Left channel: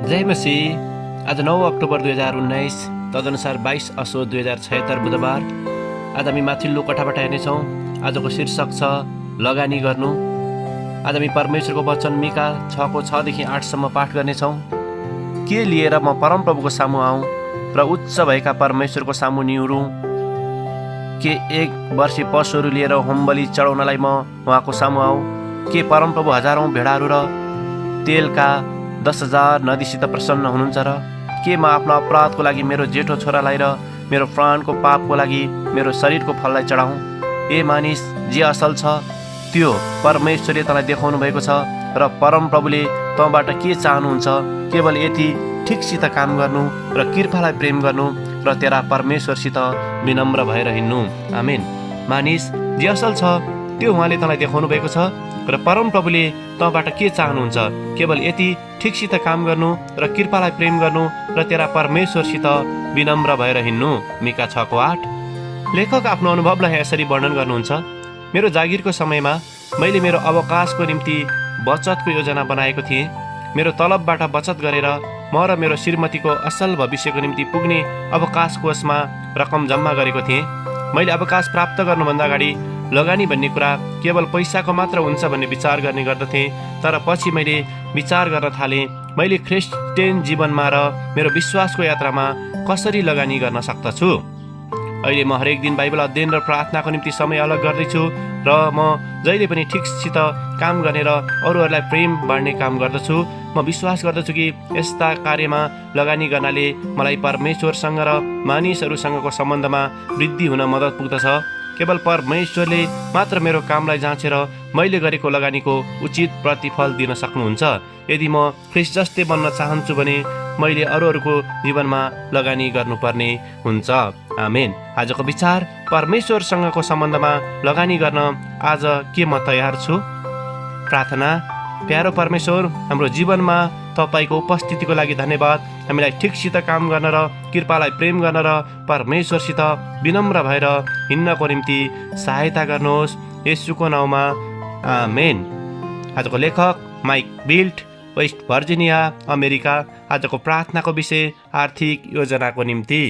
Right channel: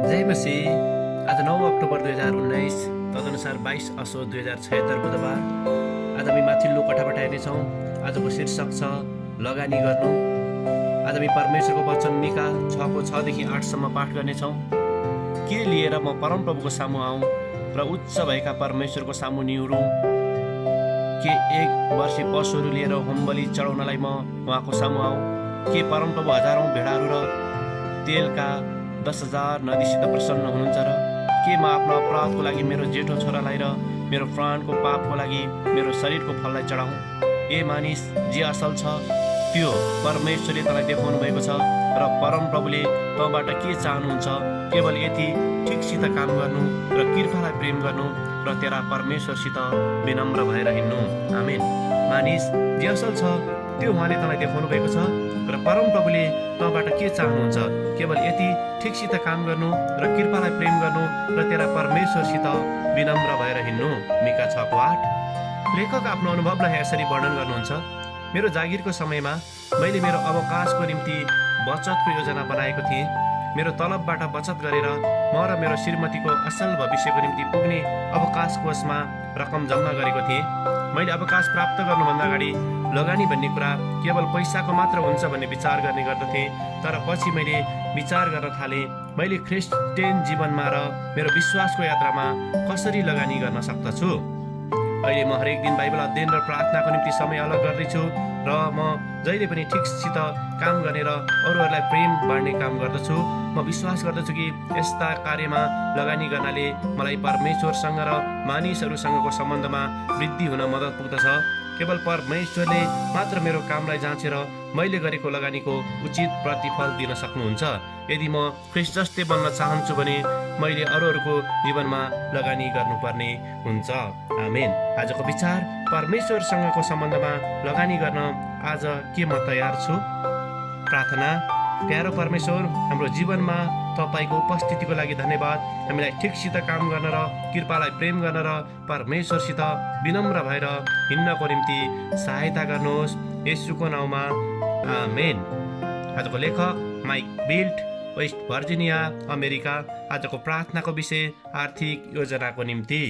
जय मसीह। आज 9 अक्टोबर 2019 तदनुसार 22 असोज 2076 बुधबार। आज हामी माथिल्लो कठाबाट हेर्नेछौँ। आजको शीर्षक छ लगानी गर्नु। आज हामी परमेश्वरको वचन मिका 6को 6देखि 8सम्म पाठ गर्नेछौँ। के लिएर म परमप्रभुको सामु आऊँ र उच्च भएका परमेश्वरको सामु निहुरौँ? के एक वर्षी पशुहरू लिएर होमबलि चढाउनलाई म उहाँको सामु आऊँ? के परमप्रभु हजारौँ भेडाहरू र तेलका 10,000 नदीसित प्रसन्न हुनुहुन्छ र? के म आफ्नो अपराधको लागि मेरो जेठो छोरालाई र मेरो प्राणको पापको लागि मेरो शरीरको फललाई चढाउँ? ए मानिस, जे असल छ त्यो परमेश्वरले तँलाई देखाउनु भएको छ र परमप्रभुले तँबाट के चाहनुहुन्छ? केवल यति ठिकसित काम गर्नु र कृपालाई प्रेम गर्नु र तेरा परमेश्वरसित विनम्र भएर हिँड्नु। आमेन। मानिस, जे असल छ त्यो उहाँले तँलाई देखाउनु भएको छ र परमप्रभुले तँबाट के चाहनुहुन्छ? केवल यति ठिकसित काम गर्नु र कृपालाई प्रेम गर्नु र तेरा परमेश्वरसित विनम्र भएर हिँड्नु। मिका 6को 8। लेखक आफ्नो अनुभवलाई यसरी वर्णन गर्नुहुन्छ। मेरो जागिरको समयमा मैले मेरो अवकाशको निम्ति बचतको योजना बनाएको थिएँ। मेरो तलबबाट बचत गरेर म र मेरो श्रीमतीको असल भविष्यको निम्ति पुग्ने अवकाश कोषमा रकम जम्मा गरेको थिएँ। मैले अवकाश प्राप्त गर्नुभन्दा अगाडि लगानी भन्ने कुरा केवल पैसाको मात्र हुन्छ भन्ने विचार गर्ने गर्दथेँ। तर पछि मैले विचार गर्न थालेँ, मैले क्रिस्चियन जीवनमा र मेरो विश्वासको यात्रामा कसरी लगानी गर्न सक्दछु। अहिले म हरेक दिन बाइबल अध्ययन र प्रार्थनाको निम्ति समय अलग गर्दैछु र म जहिले पनि ठिकसित काम गर्ने र अरूहरूलाई प्रेम बाँड्ने काम गर्दछु। म विश्वास गर्दछु कि यस्ता कार्यमा लगानी गर्नाले मलाई परमेश्वरसँग र मानिसहरूसँगको सम्बन्धमा वृद्धि हुन मद्दत पुग्दछ। केवल परमेश्वरले मात्र मेरो कामलाई जाँचेर मैले गरेको लगानीको उचित प्रतिफल दिन सक्नुहुन्छ। यदि म ख्रिस्ट जस्तै बन्न चाहन्छु भने मैले अरूहरूको जीवनमा लगानी गर्नुपर्ने हुन्छ। आमेन। आजको विचार, परमेश्वरसँगको सम्बन्धमा लगानी गर्न आज के म तयार छु? प्रार्थना। प्यारो परमेश्वर, हाम्रो जीवनमा तपाईँको उपस्थितिको लागि धन्यवाद। हामीलाई ठिकसित काम गर्न र कृपालाई प्रेम गर्न र परमेश्वरसित विनम्र भएर हिँड्नको निम्ति सहायता गर्नुहोस्। येशूको नाउँमा आमेन। आजको लेखक Mike Built, West Virginia, America. आजको प्रार्थनाको विषय आर्थिक योजनाको निम्ति।